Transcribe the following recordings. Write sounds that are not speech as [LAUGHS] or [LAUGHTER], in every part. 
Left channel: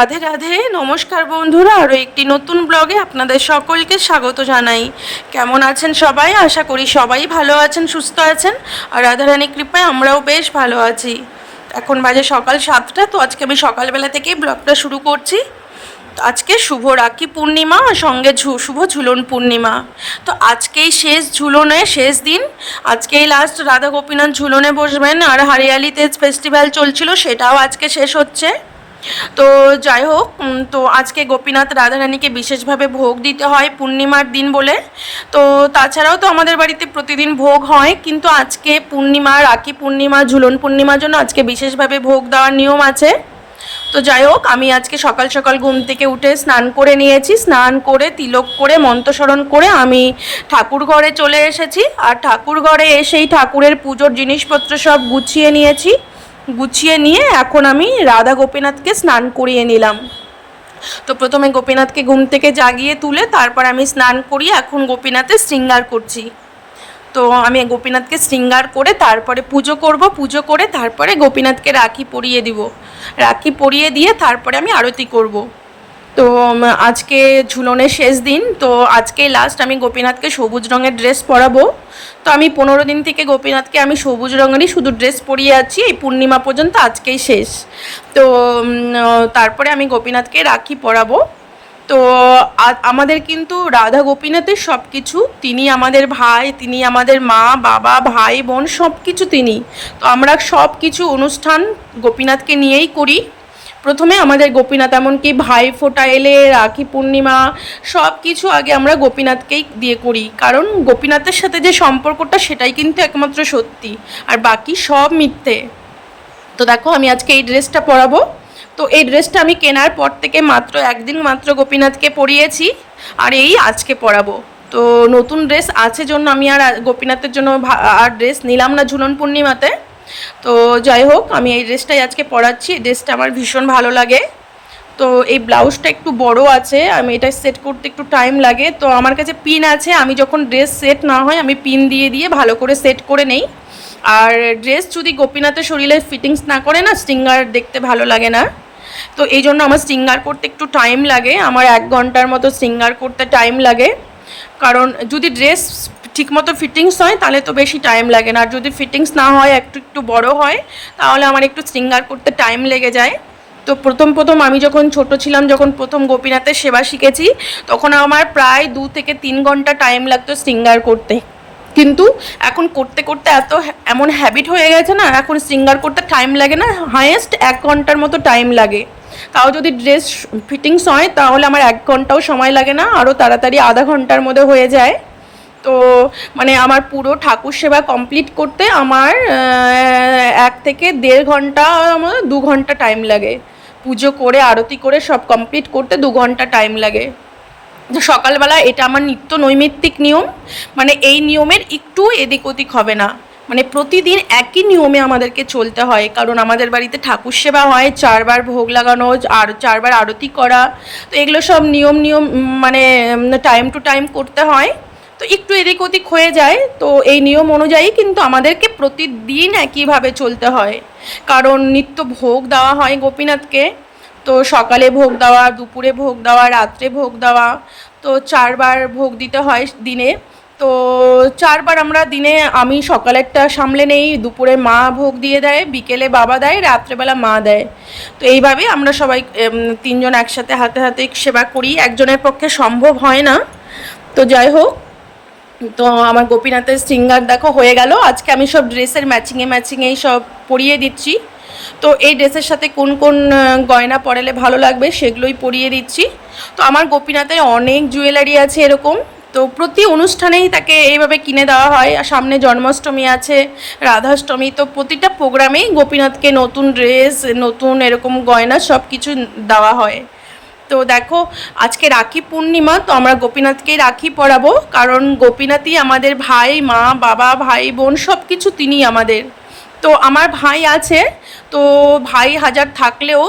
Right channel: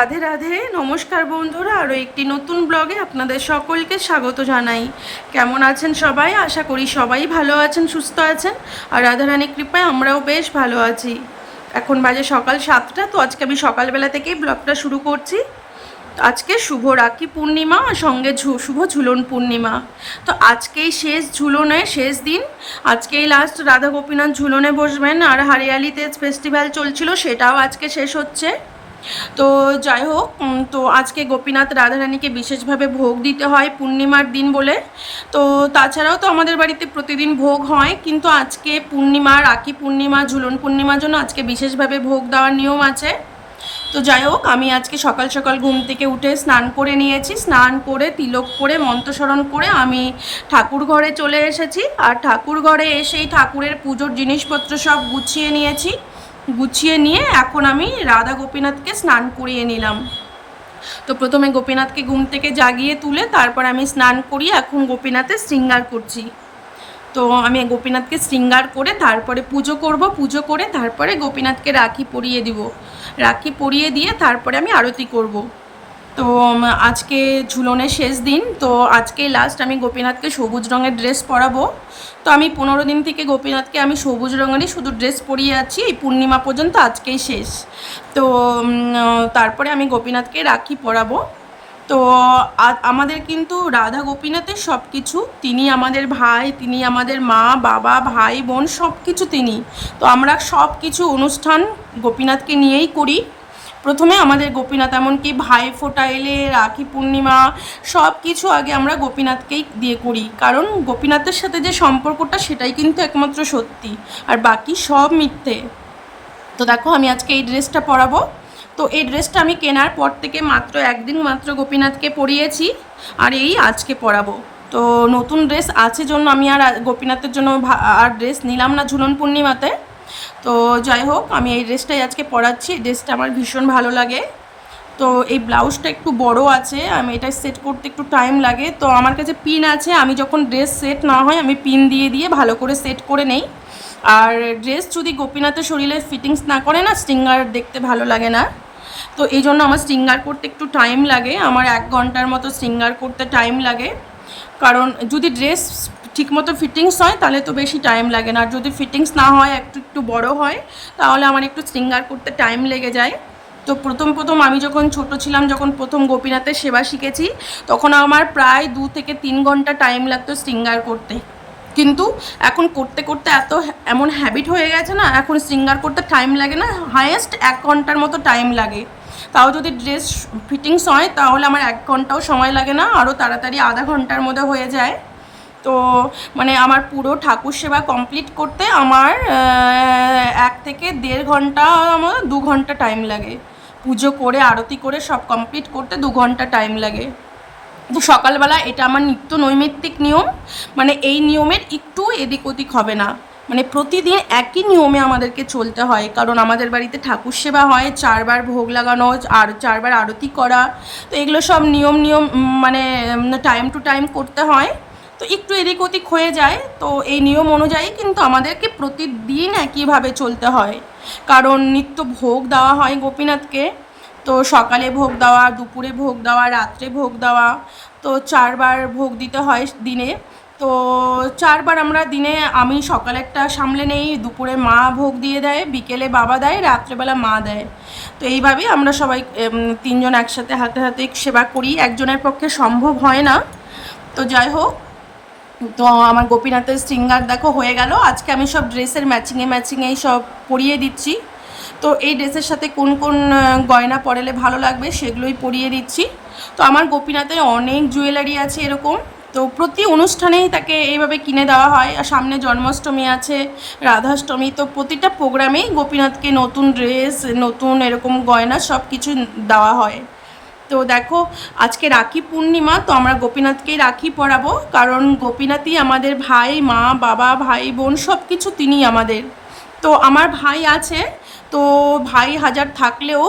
রাধে রাধে, নমস্কার বন্ধুরা, আরও একটি নতুন ব্লগে আপনাদের সকলকে স্বাগত জানাই। কেমন আছেন সবাই? আশা করি সবাই ভালো আছেন, সুস্থ আছেন। আর রাধারানী কৃপায় আমরাও বেশ ভালো আছি। এখন বাজে সকাল সাতটা, তো আজকে আমি সকালবেলা থেকেই ব্লগটা শুরু করছি। আজকে শুভ রাখি পূর্ণিমা, আর সঙ্গে শুভ ঝুলন পূর্ণিমা। তো আজকেই শেষ ঝুলনে শেষ দিন। আজকেই লাস্ট রাধা গোপীনাথ ঝুলনে বসবেন। আর হারিয়ালিতে ফেস্টিভ্যাল চলছিল, সেটাও আজকে শেষ হচ্ছে। তো যাই হোক তো আজকে গোপীনাথ রাধারানীকে বিশেষভাবে ভোগ দিতে হয় পূর্ণিমার দিন বলে। তো তাছাড়াও তো আমাদের বাড়িতে প্রতিদিন ভোগ হয়, কিন্তু আজকে পূর্ণিমা, রাখি পূর্ণিমা, ঝুলন পূর্ণিমার জন্য আজকে বিশেষভাবে ভোগ দেওয়ার নিয়ম আছে। তো যাই হোক, আমি আজকে সকাল সকাল ঘুম থেকে উঠে স্নান করে নিয়েছি। স্নান করে, তিলক করে, মন্ত্রস্মরণ করে আমি ঠাকুর ঘরে চলে এসেছি। আর ঠাকুর ঘরে এসেই ঠাকুরের পুজোর জিনিসপত্র সব গুছিয়ে নিয়েছি। গুছিয়ে নিয়ে এখন আমি রাধা গোপীনাথকে স্নান করিয়ে নিলাম। তো প্রথমে গোপীনাথকে ঘুম থেকে জাগিয়ে তুলে তারপর আমি স্নান করিয়ে এখন গোপীনাথের শৃঙ্গার করছি। তো আমি গোপীনাথকে শৃঙ্গার করে তারপরে পুজো করব, পুজো করে তারপরে গোপীনাথকে রাখি পরিয়ে দিব। রাখি পরিয়ে দিয়ে তারপরে আমি আরতি করব। তো আজকে ঝুলনের শেষ দিন, তো আজকে লাস্ট আমি গোপীনাথকে সবুজ রঙের ড্রেস পরাবো। তো আমি পনেরো দিন থেকে গোপীনাথকে আমি সবুজ রঙেরই শুধু ড্রেস পরিয়ে আছি, এই পূর্ণিমা পর্যন্ত আজকেই শেষ। তো তারপরে আমি গোপীনাথকে রাখি পরাবো। তো আমাদের কিন্তু রাধা গোপীনাথের সব কিছু তিনি আমাদের ভাই, তিনি আমাদের মা, বাবা, ভাই, বোন সব কিছু তিনি। তো আমরা সব কিছু অনুষ্ঠান গোপীনাথকে নিয়েই করি। প্রথমে আমাদের গোপীনাথ, এমনকি ভাই ফোটা এলে, রাখি পূর্ণিমা সব কিছু আগে আমরা গোপীনাথকেই দিয়ে করি। কারণ গোপীনাথের সাথে যে সম্পর্কটা, সেটাই কিন্তু একমাত্র সত্যি। আর বাকি সব মিথ্যে। তো দেখো, আমি আজকে এই ড্রেসটা পরাবো। তো এই ড্রেসটা আমি কেনার পর থেকে মাত্র একদিন মাত্র গোপীনাথকে পরিয়েছি আর এই আজকে পরাবো। তো নতুন ড্রেস আছে জন্য আমি আর গোপীনাথের জন্য আর ড্রেস নিলাম না ঝুলন পূর্ণিমাতে। তো যাই হোক, আমি এই ড্রেসটাই আজকে পরাচ্ছি। এই ড্রেসটা আমার ভীষণ ভালো লাগে। তো এই ব্লাউজটা একটু বড় আছে, আমি এটা সেট করতে একটু টাইম লাগে। তো আমার কাছে পিন আছে, আমি যখন ড্রেস সেট না হয়, আমি পিন দিয়ে দিয়ে ভালো করে সেট করে নেই। আর ড্রেস যদি গোপীনাথের শরীরে ফিটিংস না করে না স্টিঙ্গার দেখতে ভালো লাগে না। তো এই জন্য আমার স্টিঙ্গার করতে একটু টাইম লাগে। আমার এক ঘণ্টার মতো স্টিঙ্গার করতে টাইম লাগে। কারণ যদি ড্রেস ঠিকমতো ফিটিংস হয়, তাহলে তো বেশি টাইম লাগে না। আর যদি ফিটিংস না হয়, একটু একটু বড় হয়, তাহলে আমার একটু স্টিঙ্গার করতে টাইম লেগে যায়। তো প্রথম প্রথম আমি যখন ছোট ছিলাম, যখন প্রথম গোপীনাথের সেবা শিখেছি, তখন আমার প্রায় দু থেকে তিন ঘণ্টা টাইম লাগতো সিঙ্গার করতে। কিন্তু এখন করতে করতে এত এমন হ্যাবিট হয়ে গেছে না, এখন সিঙ্গার করতে টাইম লাগে না হায়েস্ট এক ঘণ্টার মতো টাইম লাগে। তাও যদি ড্রেস ফিটিংস হয়, তাহলে আমার এক ঘন্টাও সময় লাগে না আরও তাড়াতাড়ি আধা ঘণ্টার মধ্যে হয়ে যায়। তো মানে আমার পুরো ঠাকুর সেবা কমপ্লিট করতে আমার এক থেকে দেড় ঘণ্টা, আমার দু ঘণ্টা টাইম লাগে। পুজো করে, আরতি করে সব কমপ্লিট করতে দু ঘণ্টা টাইম লাগে। সকালবেলা এটা আমার নিত্য নৈমিত্তিক নিয়ম মানে এই নিয়মের একটু এদিক ওদিক হবে না। মানে প্রতিদিন একই নিয়মে আমাদেরকে চলতে হয়, কারণ আমাদের বাড়িতে ঠাকুর সেবা হয়, চারবার ভোগ লাগানো, আর চারবার আরতি করা। তো এগুলো সব নিয়ম নিয়ম মানে টাইম টু টাইম করতে হয়। তো একটু এদিক ওদিক হয়ে যায়। তো এই নিয়ম অনুযায়ী কিন্তু আমাদেরকে প্রতিদিন একইভাবে চলতে হয়। কারণ নিত্য ভোগ দেওয়া হয় গোপীনাথকে। তো সকালে ভোগ দেওয়া, দুপুরে ভোগ দেওয়া, রাত্রে ভোগ দেওয়া, তো চারবার ভোগ দিতে হয় দিনে। তো চারবার আমরা দিনে, আমি সকালেরটা সামলে নেই, দুপুরে মা ভোগ দিয়ে দেয়, বিকেলে বাবা দেয়, রাত্রেবেলা মা দেয়। তো এইভাবে আমরা সবাই তিনজন একসাথে হাতে হাতে সেবা করি। একজনের পক্ষে সম্ভব হয় না। তো যাই হোক তো আমার গোপীনাথের সিঙ্গার দেখো হয়ে গেল। আজকে আমি সব ড্রেসের ম্যাচিংয়ে ম্যাচিংয়েই সব পরিয়ে দিচ্ছি। তো এই ড্রেসের সাথে কোন কোন গয়না পরালে ভালো লাগবে সেগুলোই পরিয়ে দিচ্ছি। তো আমার গোপীনাথে অনেক জুয়েলারি আছে এরকম। তো প্রতি অনুষ্ঠানেই তাকে এইভাবে কিনে দেওয়া হয়। আর সামনে জন্মাষ্টমী আছে, রাধাষ্টমী, তো প্রতিটা প্রোগ্রামেই গোপীনাথকে নতুন ড্রেস নতুন এরকম গয়না সব কিছু দেওয়া হয়। তো দেখো, আজকে রাখি পূর্ণিমা, তো আমরা গোপীনাথকেই রাখি পরাবো, কারণ গোপীনাথই আমাদের ভাই, মা, বাবা, ভাই, বোন সব কিছু তিনি আমাদের। তো আমার ভাই আছে তো ভাই হাজার থাকলেও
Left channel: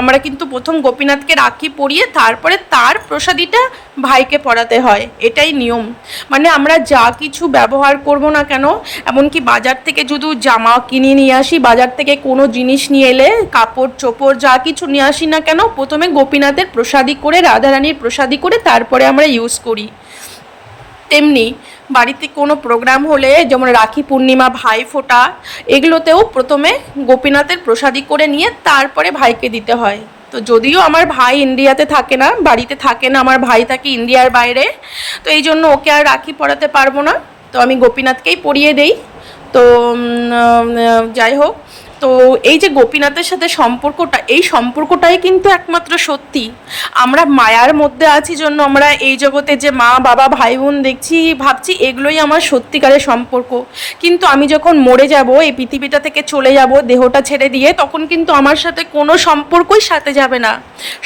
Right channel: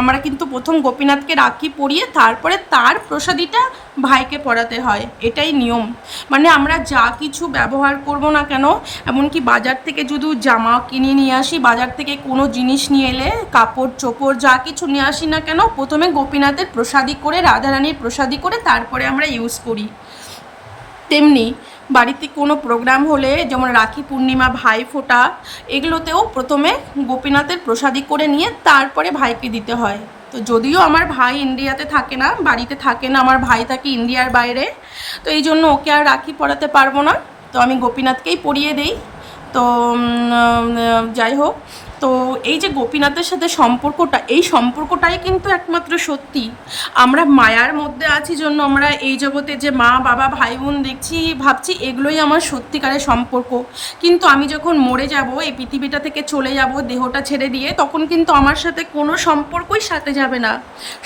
আমরা কিন্তু প্রথম গোপীনাথকে রাখি পরিয়ে, তারপরে তার প্রসাদীটা ভাইকে পড়াতে হয়। এটাই নিয়ম। মানে আমরা যা কিছু ব্যবহার করব না কেন, এমনকি বাজার থেকে যদি জামা কিনে নিয়ে আসি, বাজার থেকে কোনো জিনিস নিয়ে এলে, কাপড়, চোপড়, যা কিছু নিয়ে আসি না কেন, প্রথমে গোপীনাথের প্রসাদী করে, রাধারানীর প্রসাদী করে, তারপরে আমরা ইউজ করি। তেমনি বাড়িতে কোনো প্রোগ্রাম হলে যেমন রাখি পূর্ণিমা, ভাই ফোঁটা, এগুলোতেও প্রথমে গোপীনাথের প্রসাদী করে নিয়ে তারপরে ভাইকে দিতে হয়। তো যদিও আমার ভাই ইন্ডিয়াতে থাকে না, বাড়িতে থাকে না, আমার ভাই থাকে ইন্ডিয়ার বাইরে, তো এই জন্য ওকে আর রাখি পড়াতে পারব না। তো আমি গোপীনাথকেই পরিয়ে দেই। তো যাই হোক তো এই যে গোপীনাথের সাথে সম্পর্কটা, এই সম্পর্কটাই কিন্তু একমাত্র সত্যি। আমরা মায়ার মধ্যে আছি জন্য আমরা এই জগতে যে মা, বাবা ভাই বোন দেখছি, ভাবছি এগুলোই আমার সত্যিকারের সম্পর্ক। কিন্তু আমি যখন মরে যাব, এই পৃথিবীটা থেকে চলে যাব, দেহটা ছেড়ে দিয়ে, তখন কিন্তু আমার সাথে কোনো সম্পর্কই সাথে যাবে না।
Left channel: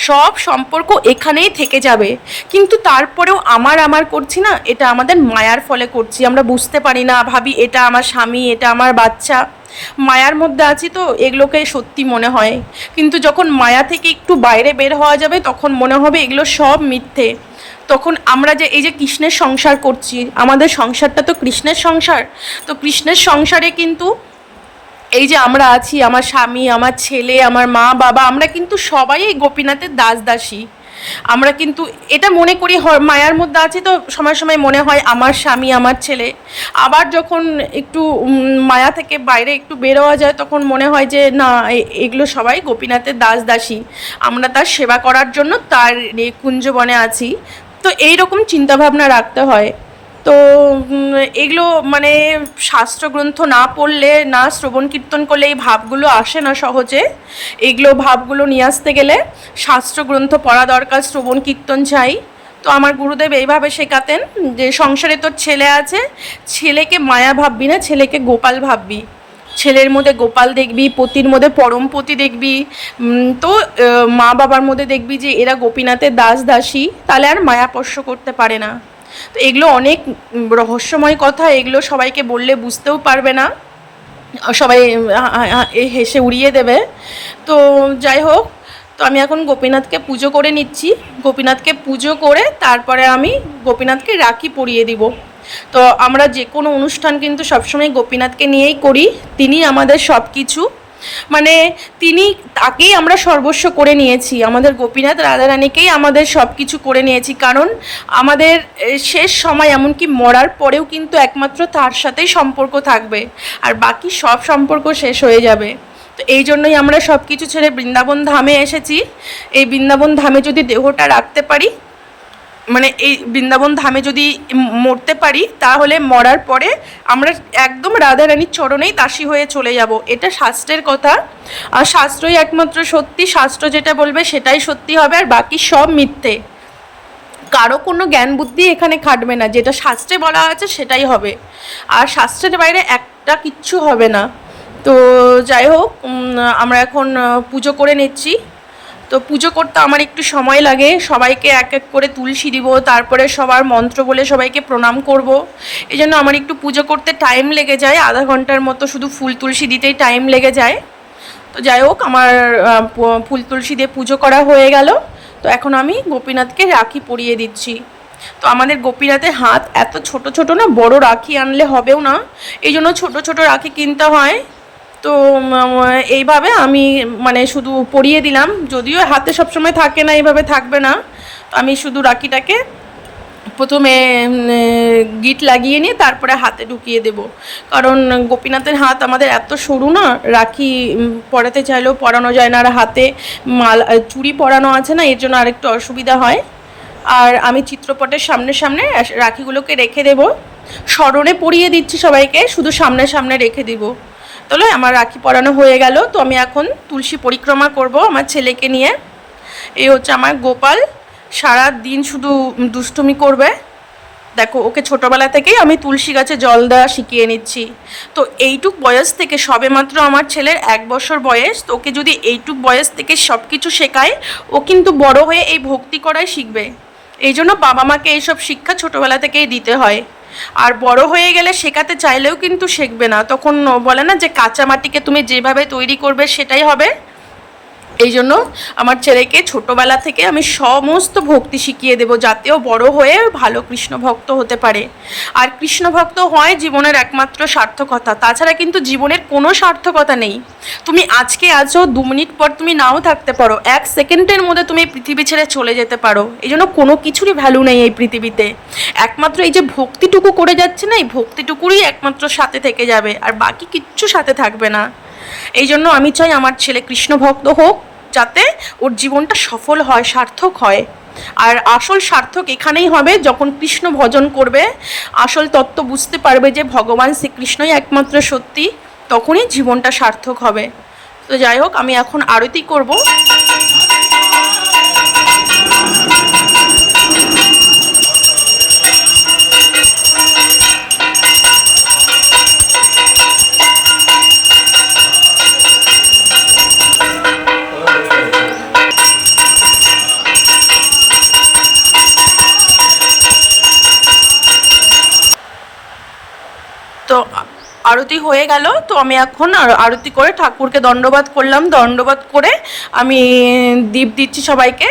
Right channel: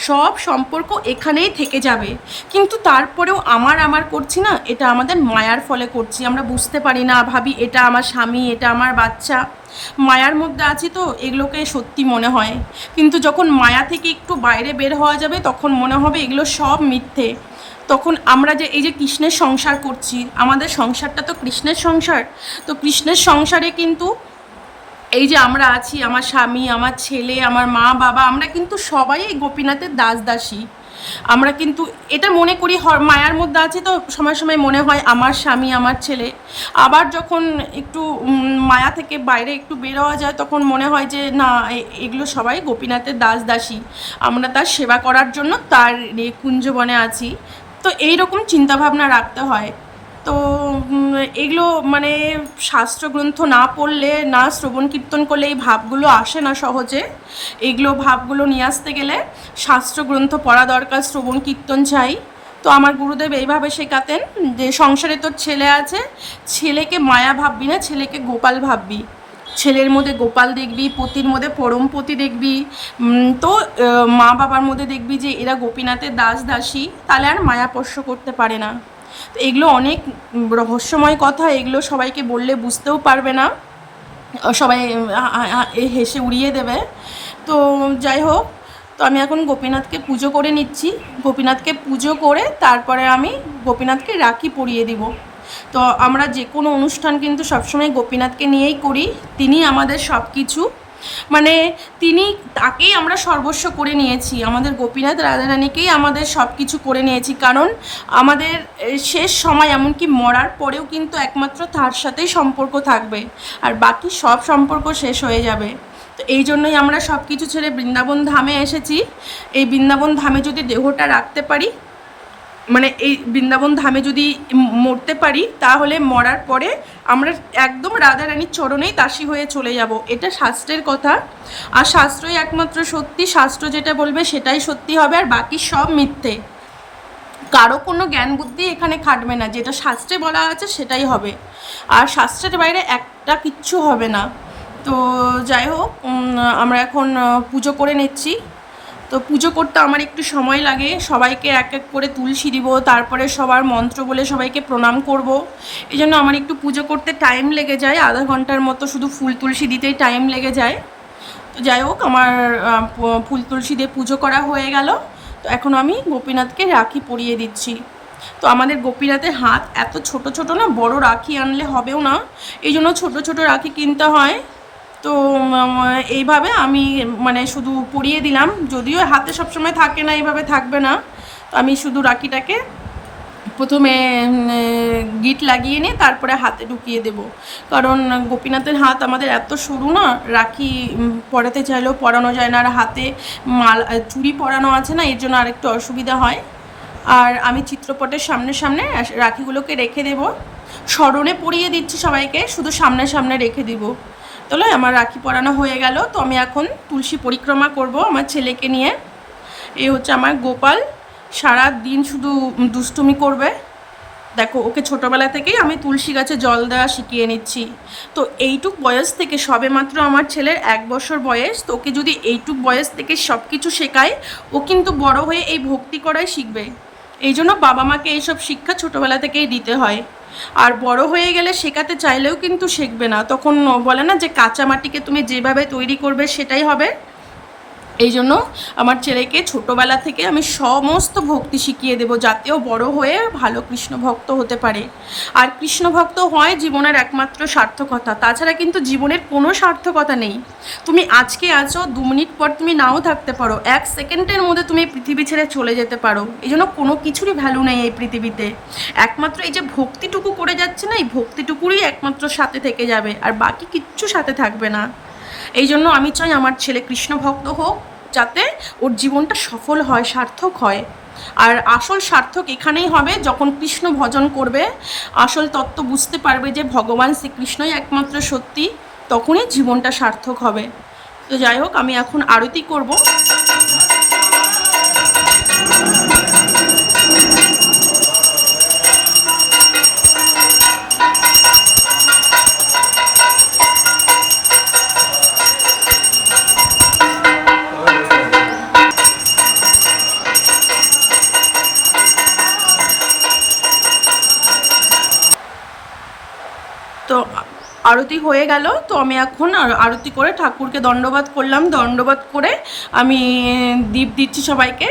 সব সম্পর্ক এখানেই থেকে যাবে। কিন্তু তারপরেও আমার আমার করছি না, এটা আমাদের মায়ার ফলে করছি। আমরা বুঝতে পারি না, ভাবি এটা আমার স্বামী, এটা আমার বাচ্চা। মায়ার মধ্যে আছি তো, এগুলোকে সত্যি মনে হয়। কিন্তু যখন মায়া থেকে একটু বাইরে বের হওয়া যাবে, তখন মনে হবে এগুলো সব মিথ্যে। তখন আমরা যে, এই যে কৃষ্ণের সংসার করছি, আমাদের সংসারটা তো কৃষ্ণের সংসার। তো কৃষ্ণের সংসারে কিন্তু এই যে আমরা আছি, আমার স্বামী, আমার ছেলে, আমার মা, বাবা, আমরা কিন্তু সবাই এই গোপীনাথের দাস দাসী আমরা কিন্তু এটা মনে করি মায়ার মধ্যে আছি তো সময় সময় মনে হয় আমার স্বামী, আমার ছেলে। আবার যখন একটু মায়া থেকে বাইরে একটু বেরোয়া যায় তখন মনে হয় যে, না এগুলো সবাই গোপীনাথের দাস দাসী। আমরা তার সেবা করার জন্য তার কুঞ্জবনে আছি। তো এইরকম চিন্তাভাবনা রাখতে হয়। তো এগুলো মানে শাস্ত্রগ্রন্থ না পড়লে, না শ্রবণ কীর্তন করলে এই ভাবগুলো আসে না সহজে। এগুলো ভাবগুলো নিয়ে আসতে গেলে শাস্ত্রগ্রন্থ পড়া দরকার, শ্রবণ কীর্তন চাই। তো আমার গুরুদেব এইভাবে শেখাতেন যে, সংসারে তোর ছেলে আছে, ছেলেকে মায়া ভাববি না, ছেলেকে গোপাল ভাববি। ছেলের মধ্যে গোপাল দেখবি, পতির মধ্যে পরম পতি দেখবি তো মা বাবার মধ্যে দেখবি যে, এরা গোপীনাথের দাস দাসী তাহলে আর মায়া স্পর্শ করতে পারে না। তো এগুলো অনেক রহস্যময় কথা, এগুলো সবাইকে বললে বুঝতেও পারবে না। সবাই হেসে উড়িয়ে দেবে। তো যাই হোক, তো আমি এখন গোপীনাথকে পুজো করে নিচ্ছি। গোপীনাথকে পুজো করে তারপরে আমি গোপীনাথকে রাখি পরিয়ে দিব। তো আমরা যে কোনো অনুষ্ঠান কিন্তু সবসময় গোপীনাথকে নিয়েই করি। তিনি আমাদের সব কিছু মানে তিনি তাকেই আমরা সর্বস্ব করে নিয়েছি। আমাদের গোপীনাথ রাধারানীকেই আমাদের সব কিছু করে নিয়েছি। কারণ আমাদের শেষ সময় এমনকি মরার পরেও কিন্তু একমাত্র তার সাথেই সম্পর্ক থাকবে। আর বাকি সব সম্পর্ক শেষ হয়ে যাবে। তো এই জন্যই আমরা সব কিছু ছেড়ে বৃন্দাবন ধামে এসেছি। এই বৃন্দাবন ধামে যদি দেহটা রাখতে পারি মানে এই বৃন্দাবন ধামে যদি মরতে পারি, তাহলে মরার পরে আমরা একদম রাধারানীর চরণেই দাসী হয়ে চলে যাব। এটা শাস্ত্রের কথা। আর শাস্ত্রই একমাত্র সত্যি। শাস্ত্র যেটা বলবে সেটাই সত্যি হবে, আর বাকি সব মিথ্যে। কারও কোনো জ্ঞান বুদ্ধি এখানে খাটবে না। যেটা শাস্ত্রে বলা আছে সেটাই হবে। আর শাস্ত্রের বাইরে একটা কিচ্ছু হবে না। তো যাই হোক আমরা এখন পুজো করে নিচ্ছি। তো পুজো করতে আমার একটু সময় লাগে। সবাইকে এক এক করে তুলসী দিব, তারপরে সবার মন্ত্র বলে সবাইকে প্রণাম করব। এই জন্য আমার একটু পুজো করতে টাইম লেগে যায়, আধা ঘণ্টার মতো শুধু ফুল তুলসী দিতেই টাইম লেগে যায়। তো যাই হোক, আমার ফুল তুলসী দিয়ে পুজো করা হয়ে গেল। তো এখন আমি গোপীনাথকে রাখি পরিয়ে দিচ্ছি। তো আমাদের গোপীনাথের হাত এত ছোট ছোট না, বড় রাখি আনলে হবেও না। এই জন্য ছোটো ছোটো রাখি কিনতে হয়। তো এইভাবে আমি মানে শুধু পরিয়ে দিলাম। যদিও হাতে সবসময় থাকে না, এইভাবে থাকবে না। তো আমি শুধু রাখিটাকে প্রথমে গিট লাগিয়ে নিয়ে তারপরে হাতে ঢুকিয়ে দেব। কারণ গোপীনাথের হাত আমাদের এত সরু না, রাখি পরাতে চাইলেও পরানো যায় না। আর হাতে মাল চুড়ি পরানো আছে না, এর জন্য আরেকটু অসুবিধা হয়। আর আমি চিত্রপটের সামনে সামনে রাখিগুলোকে রেখে দেব। স্মরণে পরিয়ে দিচ্ছি সবাইকে, শুধু সামনে সামনে রেখে দিব। তাহলে আমার রাখি পরানো হয়ে গেল। তো আমি এখন তুলসী পরিক্রমা করব আমার ছেলেকে নিয়ে। এই হচ্ছে আমার গোপাল। সারা দিন শুধু দুষ্টুমি করবে। দেখো, ওকে ছোটবেলা থেকেই আমি তুলসী গাছে জল দেওয়া শিখিয়ে নিচ্ছি। তো এইটুক বয়স থেকে সবেমাত্র আমার ছেলের এক বছর বয়স। তো ওকে যদি এইটুক বয়স থেকে সব কিছু শেখায়, ও কিন্তু বড় হয়ে এই ভক্তি করাই শিখবে। এই জন্য বাবা মাকে এইসব শিক্ষা ছোটবেলা থেকেই দিতে হয়। আর বড় হয়ে গেলে শেখাতে চাইলেও কিন্তু শিখবে না। তখন বলে না যে কাঁচা মাটিকে তুমি যেভাবে তৈরি করবে সেটাই হবে। এই জন্য আমার ছেলেকে ছোটোবেলা থেকে আমি সমস্ত ভক্তি শিখিয়ে দেবো যাতেও বড় হয়ে ভালো কৃষ্ণ ভক্ত হতে পারে। আর কৃষ্ণ ভক্ত হয় জীবনের একমাত্র সার্থকতা। তাছাড়া কিন্তু জীবনের কোনো সার্থকতা নেই। তুমি আজকে আছো, দু মিনিট পর তুমি নাও থাকতে পারো। এক সেকেন্ডের মধ্যে তুমি পৃথিবী ছেড়ে চলে যেতে পারো। এই জন্য কোনো কিছুরই ভ্যালু নেই এই পৃথিবীতে। একমাত্র এই যে ভক্তিটুকু করে যাচ্ছে না, এই ভক্তিটুকুরই একমাত্র সাথে থেকে যাবে। আর বাকি কিচ্ছু সাথে থাকবে না। এই জন্য আমি চাই আমার ছেলে কৃষ্ণ ভক্ত হোক, যাতে ওর জীবনটা সফল হয়, সার্থক হয়। আর আসল সার্থক এখানেই হবে, যখন কৃষ্ণ ভজন করবে, আসল তত্ত্ব বুঝতে পারবে যে ভগবান শ্রীকৃষ্ণই একমাত্র সত্যি, তখনই জীবনটা সার্থক হবে। তো যাই হোক, আমি এখন আরতি করব। আরতি হয়ে গেল, তো আমি এখন আর- আরতি করে ঠাকুরকে দণ্ডবাদ করলাম। দণ্ডবাদ করে আমি দীপ দিচ্ছি সবাইকে।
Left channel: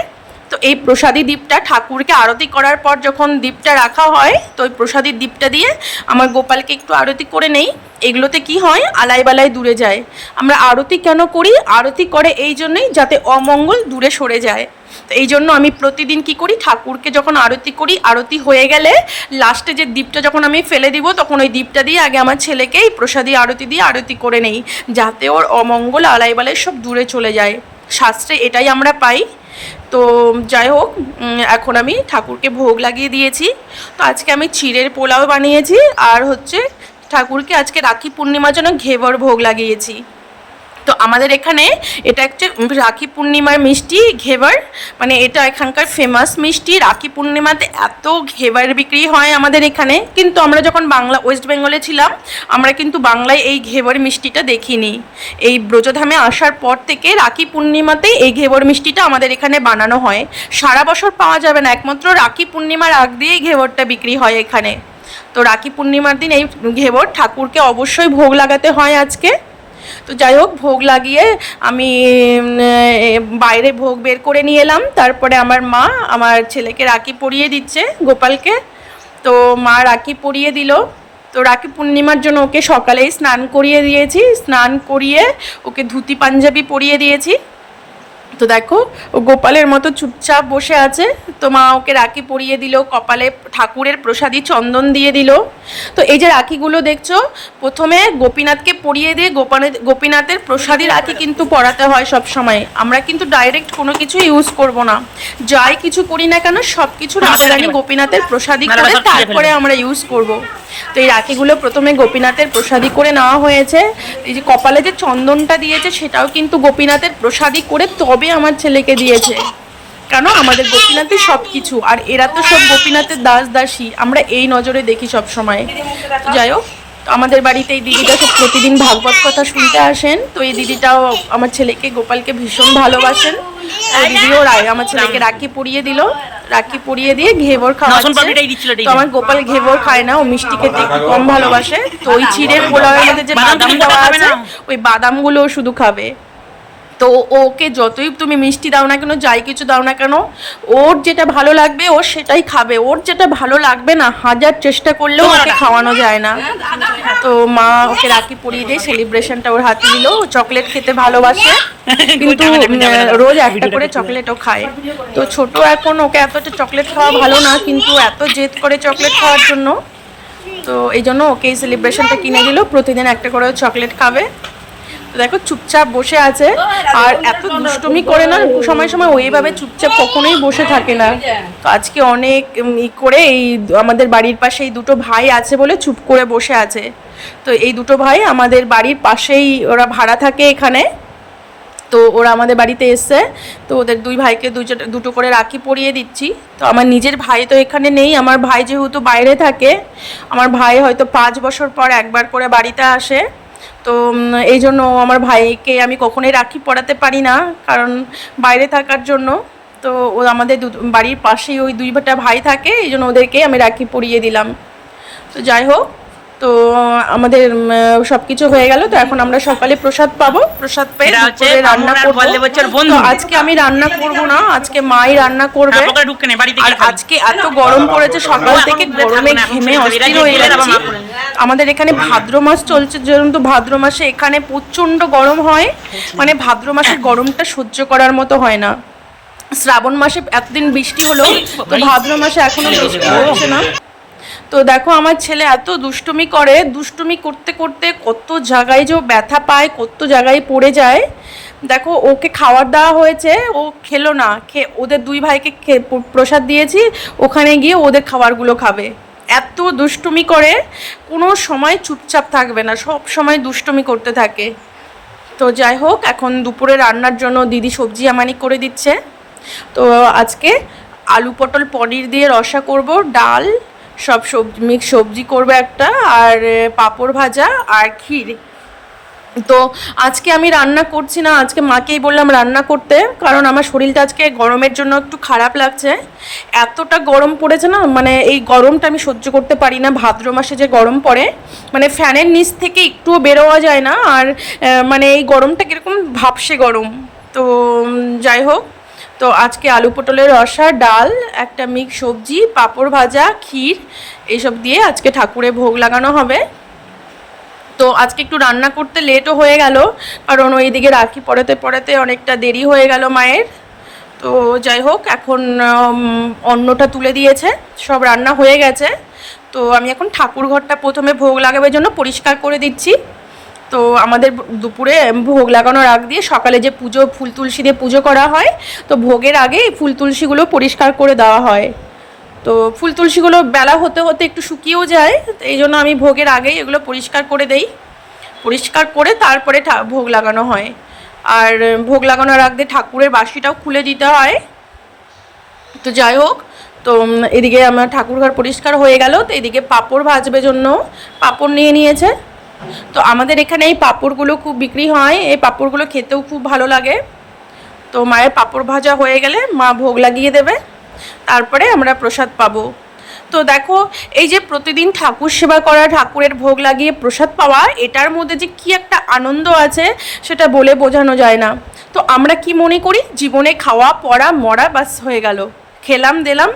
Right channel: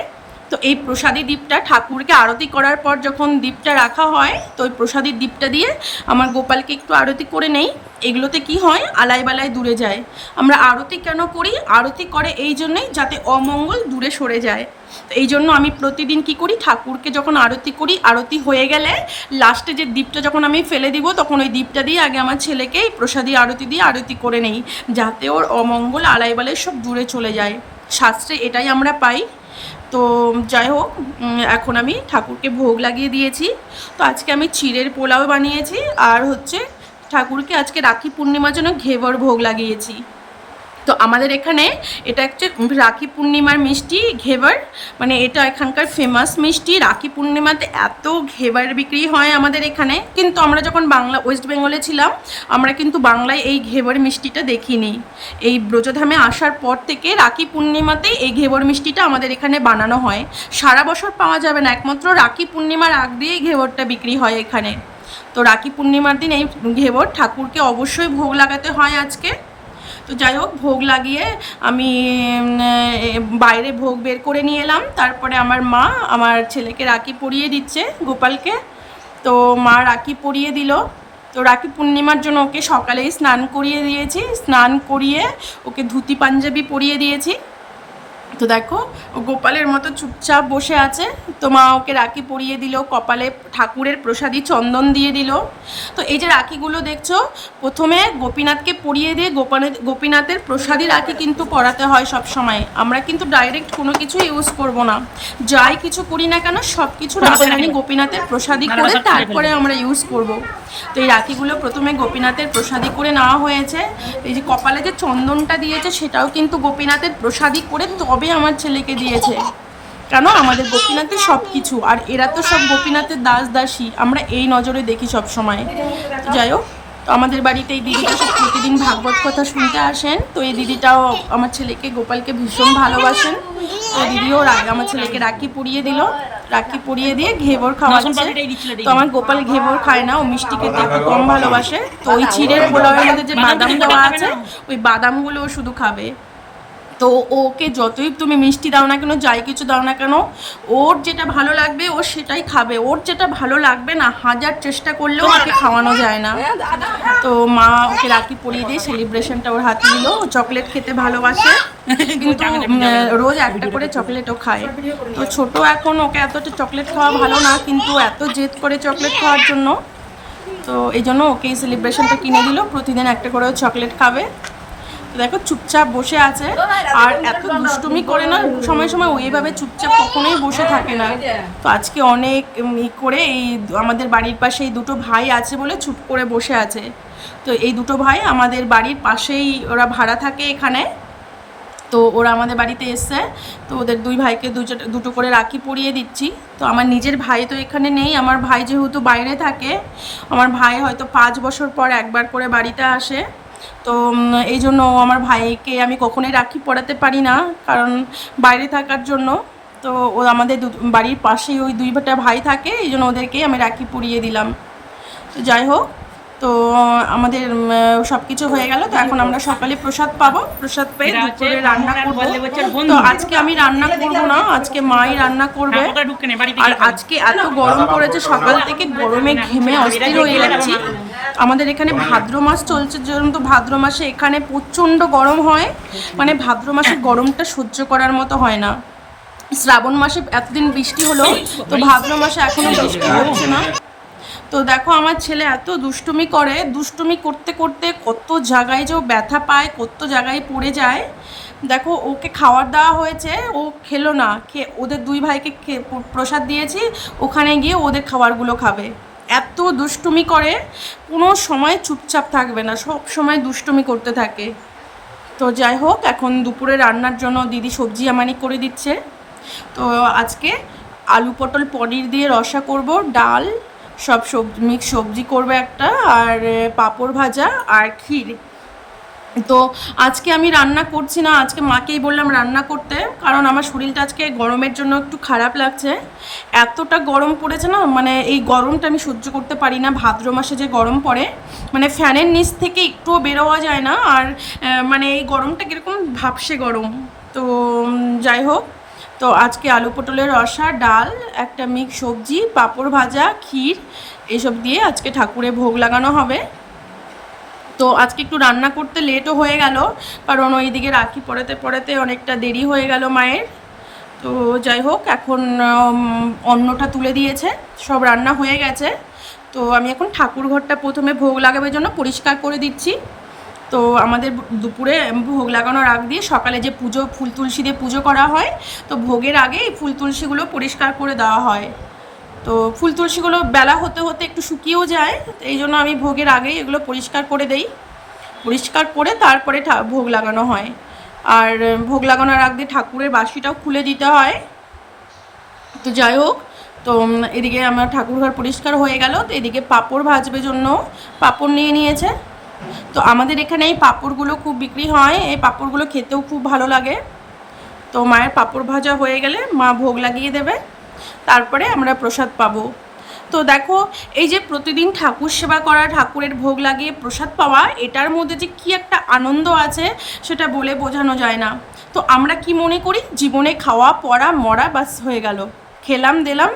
এই প্রসাদী দ্বীপটা ঠাকুরকে আরতি করার পর যখন দ্বীপটা রাখা হয়, তো ওই প্রসাদী দ্বীপটা দিয়ে আমার গোপালকে একটু আরতি করে নেই। এগুলোতে কি হয়? আলাই বালাই দূরে যায়। আমরা আরতি কেন করি? আরতি করে এই জন্যই যাতে অমঙ্গল দূরে সরে যায়। তো এই জন্য আমি প্রতিদিন কি করি? ঠাকুরকে যখন আরতি করি, আরতি হয়ে গেলে লাস্টে যে দ্বীপটা যখন আমি ফেলে দিব, তখন ওই দ্বীপটা দিয়ে আগে আমার ছেলেকে এই প্রসাদী আরতি দিয়ে আরতি করে নেই, যাতে ওর অমঙ্গল আলাই বালাই সব দূরে চলে যায়। শাস্ত্রে এটাই আমরা পাই। তো যাই হোক এখন আমি ঠাকুরকে ভোগ লাগিয়ে দিয়েছি। তো আজকে আমি চিড়ের পোলাও বানিয়েছি আর হচ্ছে ঠাকুরকে আজকে রাখি পূর্ণিমার জন্য ঘেবর ভোগ লাগিয়েছি। তো আমাদের এখানে এটা হচ্ছে রাখি পূর্ণিমার মিষ্টি, ঘেবার মানে এটা এখানকার ফেমাস মিষ্টি। রাখি পূর্ণিমাতে এত ঘেবার বিক্রি হয় আমাদের এখানে। কিন্তু আমরা যখন বাংলা ওয়েস্ট বেঙ্গলে ছিলাম, আমরা কিন্তু বাংলায় এই ঘেবর মিষ্টিটা দেখিনি। এই ব্রজধামে আসার পর থেকে রাখি পূর্ণিমাতে এই ঘেবর মিষ্টিটা আমাদের এখানে বানানো হয়। সারা বছর পাওয়া যাবে না, একমাত্র রাখি পূর্ণিমার আগ দিয়েই ঘেবরটা বিক্রি হয় এখানে। তো রাখি পূর্ণিমার দিন এই ঘেবর ঠাকুরকে অবশ্যই ভোগ লাগাতে হয় আজকে। তো যাই হোক, ভোগ লাগিয়ে আমি বাইরে ভোগ বের করে নিয়ে এলাম। তারপরে আমার মা আমার ছেলেকে রাখি পরিয়ে দিচ্ছে, গোপালকে। তো মা রাখি পরিয়ে দিল। তো রাখি পূর্ণিমার জন্য ওকে সকালেই স্নান করিয়ে দিয়েছি। স্নান করিয়ে ওকে ধুতি পাঞ্জাবি পরিয়ে দিয়েছি। তো দেখো ও গোপালের মতো চুপচাপ বসে আছে। তো মা ওকে রাখি পরিয়ে দিল কপালে ঠাকুরের প্রসাদী চন্দন দিয়ে দিল। তো এই যে রাখিগুলো দেখছ প্রথমে গোপীনাথকে পরিয়ে দিয়ে গোপানের গোপীনাথের প্রসাদী রাখি কিন্তু পরাতে হয় সব সময় আমরা কিন্তু ডাইরেক্ট কোনো কিছু ইউজ করব না। যাই কিছু করি না কেন সব কিছু রাধারানী গোপীনাথের প্রসাদী করে তারপরে আমরা ইউজ করব। তো এই রাখিগুলো প্রথমে গোপীনাথের প্রসাদী করে নেওয়া হয়েছে। এই যে কপালে যে চন্দনটা দিয়েছে, সেটাও কিন্তু গোপীনাথের প্রসাদী করে তবে আমার ছেলেকে দিয়েছে। কেন? আমাদের গোপীনাথের সব কিছু আর এরা তো সব গোপীনাথের দাস দাসী। আমরা এই নজরে দেখি সব সময় যাই হোক আমাদের বাড়িতে এই দিদিটা সব প্রতিদিন ভাগবত কথা শুনতে আসেন। তো এই দিদিটাও আমার ছেলেকে, গোপালকে ভীষণ ভালোবাসেন। দিদিও রায়, আমার ছেলেকে রাখি পরিয়ে দিল। রাখি পরিয়ে দিয়ে ঘেবর খাওয়াচ্ছে। তো আমার গোপাল ঘেবর খায় না ও মিষ্টি খেতে একটু কম ভালোবাসে। তো ওই চিড়ের পোলাওয়ের মধ্যে যে বাদাম দেওয়া আছে ওই বাদামগুলো গুলো শুধু খাবে। তো ওকে যতই তুমি মিষ্টি দাও না কেন যাই কিছু দাও না কেন ওর যেটা ভালো লাগবে ও সেটাই খাবে। ওর যেটা ভালো লাগবে না হাজার চেষ্টা করলেও ওকে খাওয়ানো যায় না। তো মা ওকে রাখি পরিয়ে দিয়ে সেলিব্রেশনটা ওর হাতে দিল। ও চকলেট খেতে ভালোবাসে। [LAUGHS] কিন্তু রোজ একটা করে চকলেটও খায়। তো ছোট এখন ওকে এতটা চকলেট খাওয়া ভালো না কিন্তু এত জেদ করে চকলেট খাওয়ার জন্য। তো এই জন্য ওকে এই সেলিব্রেশনটা কিনে দিল। প্রতিদিন একটা করে চকলেট খাবে। দেখো চুপচাপ বসে আছে। আর এত দুষ্টুমি করে না সময় সময় ওইভাবে চুপচাপ কখনোই বসে থাকে না। তো আজকে অনেক ই করে এই আমাদের বাড়ির পাশে এই দুটো ভাই আছে বলে চুপ করে বসে আছে। তো এই দুটো ভাই আমাদের বাড়ির পাশেই ওরা ভাড়া থাকে এখানে। তো ওরা আমাদের বাড়িতে এসছে। তো ওদের দুই ভাইকে দুটো দুটো করে রাখি পরিয়ে দিচ্ছি। তো আমার নিজের ভাই তো এখানে নেই আমার ভাই যেহেতু বাইরে থাকে আমার ভাই হয়তো পাঁচ বছর পর একবার করে বাড়িতে আসে। তো এই জন্য আমার ভাইকে আমি কখনোই রাখি পড়াতে পারি না, কারণ বাইরে থাকার জন্য। তো ও আমাদের বাড়ির পাশেই ওই দুই ভাটা ভাই থাকে, এই জন্য ওদেরকে আমি রাখি পরিয়ে দিলাম। তো যাই হোক তো আমাদের সবকিছু হয়ে গেল তো এখন আমরা সকালে প্রসাদ পাবো। প্রসাদ পেয়ে রান্না করব। আজকে আমি রান্না করব না আজকে মাই রান্না করবে। হ্যাঁ, আর আজকে এত গরম পড়েছে সকাল থেকে গরমে ঘেমে অস্থির হয়ে যাচ্ছি আমাদের এখানে ভাদ্র মাস চলছে যেহেতু ভাদ্র মাসে এখানে প্রচণ্ড গরম হয় মানে ভাদ্র মাসের গরমটা সহ্য করার মতো হয় না। শ্রাবণ মাসে এতদিন বৃষ্টি হলো তো ভাদ্র মাসে এখনও বৃষ্টি হচ্ছে না। তো দেখো, আমার ছেলে এত দুষ্টুমি করে, দুষ্টুমি করতে করতে কত জায়গায় যে ব্যথা পায়, কত জায়গায় পড়ে যায়। দেখো, ওকে খাবার দেওয়া হয়েছে, ও খেলো না। খে, ওদের দুই ভাইকে প্রসাদ দিয়েছি, ওখানে গিয়ে ওদের খাবারগুলো খাবে। এত দুষ্টুমি করে, কোনো সময় চুপচাপ থাকবে না, সব সময় দুষ্টুমি করতে থাকে। তো যাই হোক, এখন দুপুরে রান্নার জন্য দিদি সবজি আমানি করে দিচ্ছে। তো আজকে আলু পটল পনির দিয়ে রসা করব, ডাল সব সবজি মিক্স সবজি করবে একটা আর পাঁপড় ভাজা আর ক্ষীর। তো আজকে আমি রান্না করছি না, আজকে মাকেই বললাম রান্না করতে, কারণ আমার শরীরটা আজকে গরমের জন্য একটু খারাপ লাগছে। এতটা গরম পড়েছে না মানে এই গরমটা আমি সহ্য করতে পারি না, ভাদ্র মাসে যে গরম পড়ে মানে ফ্যানের নিচ থেকে একটুও বেরোয়া যায় না, আর মানে এই গরমটা কীরকম ভাবসে গরম। তো যাই হোক। তো আজকে আলু পটলের রসা, ডাল, একটা মিক্স সবজি, পাঁপড় ভাজা, ক্ষীর এইসব দিয়ে আজকে ঠাকুরে ভোগ লাগানো হবে। তো আজকে একটু রান্না করতে লেটও হয়ে গেল, কারণ ওইদিকে রাখি পড়াতে পড়াতে অনেকটা দেরি হয়ে গেল মায়ের। তো যাই হোক, এখন অন্নটা তুলে দিয়েছে, সব রান্না হয়ে গেছে। তো আমি এখন ঠাকুর ঘরটা প্রথমে ভোগ লাগাবার জন্য পরিষ্কার করে দিচ্ছি। তো আমাদের দুপুরে ভোগ লাগানোর আগ দিয়ে সকালে যে পুজো, ফুল তুলসী দিয়ে পুজো করা হয়, তো ভোগের আগে এই ফুল তুলসীগুলো পরিষ্কার করে দেওয়া হয়। তো ফুল তুলসীগুলো বেলা হতে হতে একটু শুকিয়েও যায়, এই জন্য আমি ভোগের আগেই এগুলো পরিষ্কার করে দেই। পরিষ্কার করে তারপরে ভোগ লাগানো হয়। আর ভোগ লাগানোর আগ দিয়ে ঠাকুরের বাসিটাও খুলে দিতে হয়। তো যাই হোক, তো এদিকে আমার ঠাকুরঘর পরিষ্কার হয়ে গেল, তো এদিকে পাপড় ভাজবে জন্য, পাপড় নিয়ে নিয়েছে। তো আমাদের এখানে এই পাঁপড়গুলো খুব বিক্রি হয়। এই পাঁপড়গুলো খেতেও খুব ভালো লাগে। তো মায়ের পাঁপড় ভাজা হয়ে গেলে মা ভোগ লাগিয়ে দেবে। তারপরে আমরা প্রসাদ পাবো। তো দেখো, এই যে প্রতিদিন ঠাকুর সেবা করা, ঠাকুরের ভোগ লাগিয়ে প্রসাদ পাওয়া, এটার মধ্যে যে কি একটা আনন্দ আছে সেটা বলে বোঝানো যায় না। তো আমরা কি মনে করি? জীবনে খাওয়া, পড়া, মরা বাস হয়ে গেল। খেলাম, দিলাম,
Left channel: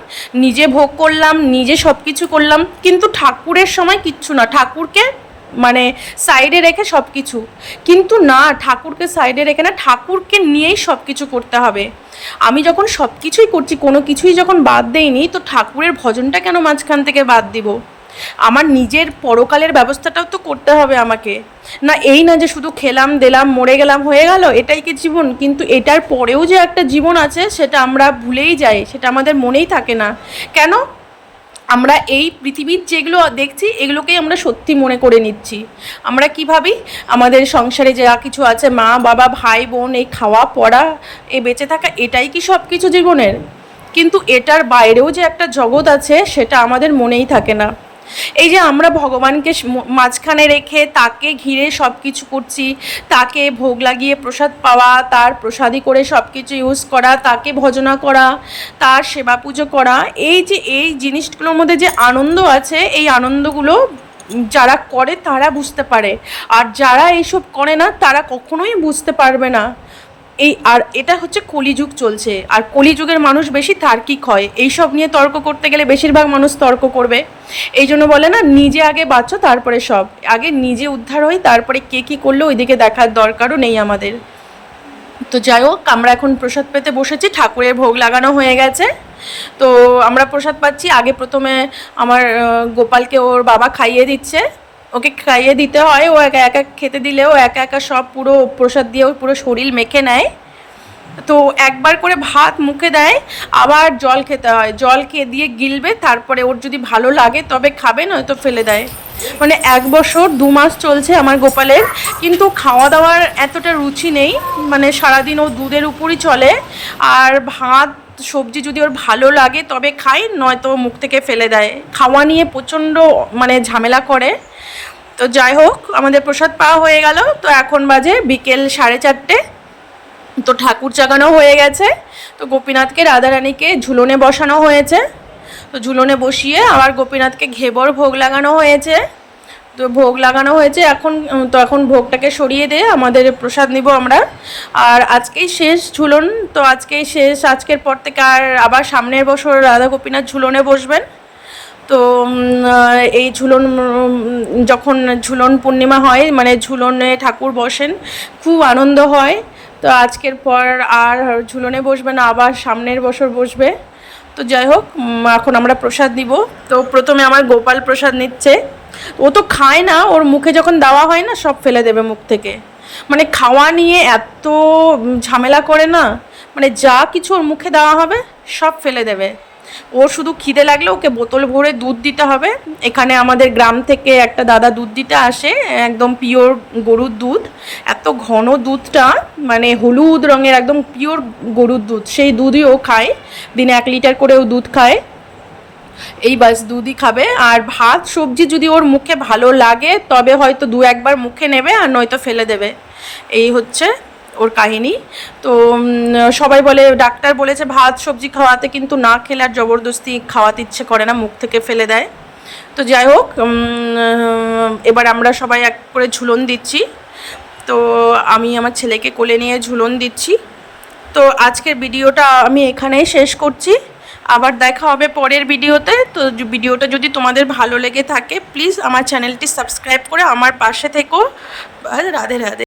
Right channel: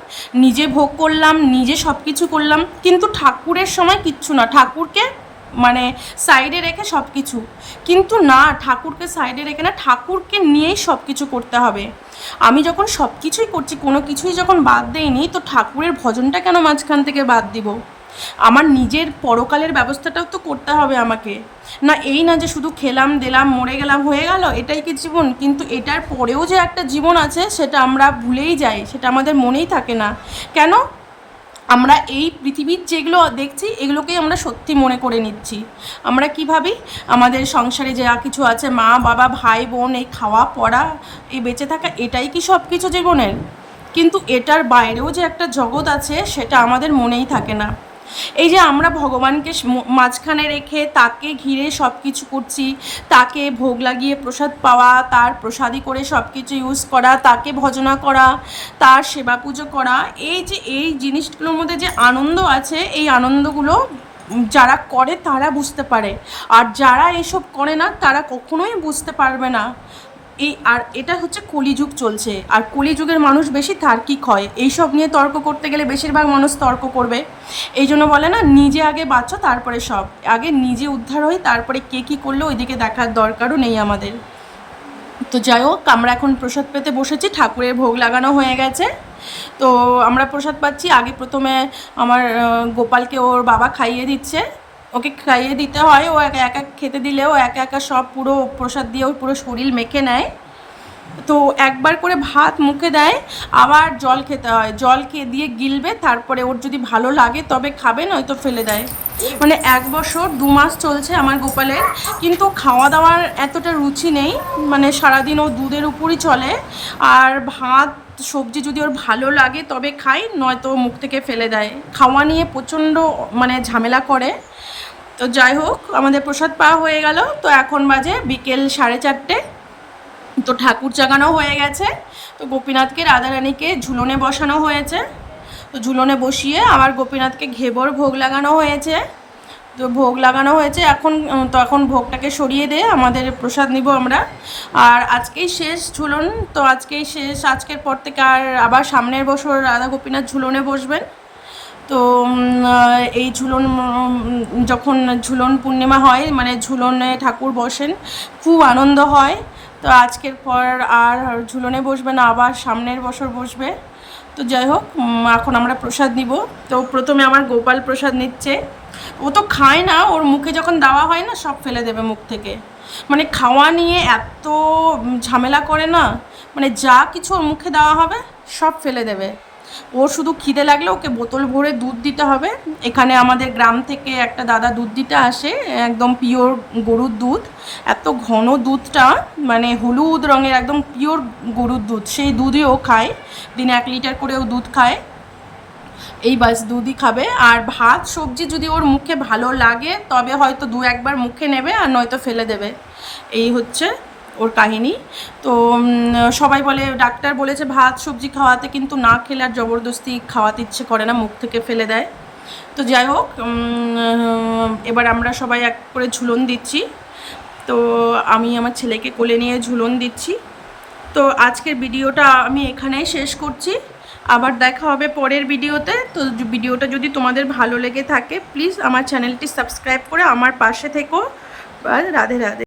নিজে ভোগ করলাম, নিজে সব কিছু করলাম, কিন্তু ঠাকুরের সময় কিচ্ছু না। ঠাকুরকে মানে সাইডে রেখে সব কিছু কিন্তু না, ঠাকুরকে সাইডে রেখে না, ঠাকুরকে নিয়েই সব কিছু করতে হবে। আমি যখন সব কিছুই করছি, কোনো কিছুই যখন বাদ দেইনি, তো ঠাকুরের ভজনটা কেন মাঝখান থেকে বাদ দিব? আমার নিজের পরকালের ব্যবস্থাটাও তো করতে হবে আমাকে। না, এই না যে শুধু খেলাম, দিলাম, মরে গেলাম, হয়ে গেল, এটাই কি জীবন? কিন্তু এটার পরেও যে একটা জীবন আছে, সেটা আমরা ভুলেই যাই, সেটা আমাদের মনেই থাকে না। কেন? আমরা এই পৃথিবীর যেগুলো দেখছি, এগুলোকেই আমরা সত্যি মনে করে নিচ্ছি। আমরা কি ভাবি? আমাদের সংসারে যা কিছু আছে, মা, বাবা, ভাই, বোন, এই খাওয়া, পড়া এ বেঁচে থাকা, এটাই কি সব কিছু জীবনের? কিন্তু এটার বাইরেও যে একটা জগৎ আছে, সেটা আমাদের মনেই থাকে না। এই যে আমরা ভগবানকে মাঝখানে রেখে তাকে ঘিরে সব কিছু করছি, তাকে ভোগ লাগিয়ে প্রসাদ পাওয়া, তার প্রসাদী করে সব কিছু ইউজ করা, তাকে ভজনা করা, তার সেবা পুজো করা, এই যে এই জিনিসগুলোর মধ্যে যে আনন্দ আছে, এই আনন্দগুলো যারা করে তারা বুঝতে পারে। আর যারা এইসব করে না, তারা কখনোই বুঝতে পারবে না। এই আর এটা হচ্ছে কলিযুগ চলছে। আর কলিযুগের মানুষ বেশি তার্কিক হয়। এইসব নিয়ে তর্ক করতে গেলে বেশিরভাগ মানুষ তর্ক করবে। এই জন্য বলে না, নিজে আগে বাঁচো, তারপরে সব। আগে নিজে উদ্ধার হই, তারপরে কে কী করল ওইদিকে দেখার দরকারও নেই আমাদের। তো যাই হোক, আমরা এখন প্রসাদ পেতে বসেছি, ঠাকুরের ভোগ লাগানো হয়ে গেছে। তো আমরা প্রসাদ পাচ্ছি। আগে প্রথমে আমার গোপালকে ওর বাবা খাইয়ে দিচ্ছে। ওকে খাইয়ে দিতে হয়, ও একা একা খেতে দিলেও একা একা সব পুরো প্রসাদ দিয়ে ও পুরো শরীর মেখে নেয়। তো একবার করে ভাত মুখে দেয়, আবার জল খেতে হয়। জল খেয়ে দিয়ে গিলবে, তারপরে ওর যদি ভালো লাগে তবে খাবে, নয়তো ফেলে দেয়। মানে এক বছর, দু মাস চলছে আমার গোপালের, কিন্তু খাওয়া দাওয়ার এতটা রুচি নেই। মানে সারাদিন ও দুধের উপরই চলে। আর ভাত, সবজি যদি ওর ভালো লাগে তবে খায়, নয়তো মুখ থেকে ফেলে দেয়। খাওয়া নিয়ে প্রচণ্ড মানে ঝামেলা করে। তো যাই হোক, আমাদের প্রসাদ পাওয়া হয়ে গেল। তো এখন বাজে বিকেল সাড়ে চারটে। তো ঠাকুর জাগানো হয়ে গেছে। তো গোপীনাথকে রাধারানীকে ঝুলনে বসানো হয়েছে। তো ঝুলনে বসিয়ে আবার গোপীনাথকে ঘেবর ভোগ লাগানো হয়েছে। তো ভোগ লাগানো হয়েছে। এখন, তো এখন ভোগটাকে সরিয়ে দিয়ে আমাদের প্রসাদ নিব আমরা। আর আজকেই শেষ ঝুলন। তো আজকেই শেষ। আজকের পর থেকে আর আবার সামনের বছর রাধা গোপীনাথ ঝুলনে বসবেন। তো এই ঝুলন যখন ঝুলন পূর্ণিমা হয় মানে ঝুলনে ঠাকুর বসেন, খুব আনন্দ হয়। তো আজকের পর আর ঝুলনে বসবে না, আবার সামনের বছর বসবে। তো যাই হোক এখন আমরা প্রসাদ নিব। তো প্রথমে আমার গোপাল প্রসাদ নিচ্ছে। ও তো খায় না, ওর মুখে যখন দেওয়া হয় না, সব ফেলে দেবে মুখ থেকে। মানে খাওয়া নিয়ে এত ঝামেলা করে না মানে যা কিছু ওর মুখে দেওয়া হবে, সব ফেলে দেবে। ওর শুধু খিদে লাগলে ওকে বোতল ভরে দুধ দিতে হবে। এখানে আমাদের গ্রাম থেকে একটা দাদা দুধ দিতে আসে, একদম পিওর গরুর দুধ। এত ঘন দুধটা মানে হলুদ রঙের, একদম পিওর গরুর দুধ। সেই দুধই ও খায়, দিনে এক লিটার করে ও দুধ খায়। এই বাস দুধই খাবে। আর ভাত, সবজি যদি ওর মুখে ভালো লাগে, তবে হয়তো দু একবার মুখে নেবে আর নয়তো ফেলে দেবে। এই হচ্ছে ওর কাহিনী। তো সবাই বলে, ডাক্তার বলেছে ভাত সবজি খাওয়াতে কিন্তু না খেলে আর জবরদস্তি খাওয়াতে ইচ্ছে করে না, মুখ থেকে ফেলে দেয়। তো যাই হোক এবার আমরা সবাই এক করে ঝুলন দিচ্ছি। তো, আমি আমার ছেলেকে কোলে নিয়ে ঝুলন দিচ্ছি। তো, আজকের ভিডিওটা আমি এখানেই শেষ করছি। আবার দেখা হবে পরের ভিডিওতে। তো, ভিডিওটা যদি তোমাদের ভালো লেগে থাকে প্লিজ আমার চ্যানেলটি সাবস্ক্রাইব করে আমার পাশে থেকো। রাধে রাধে।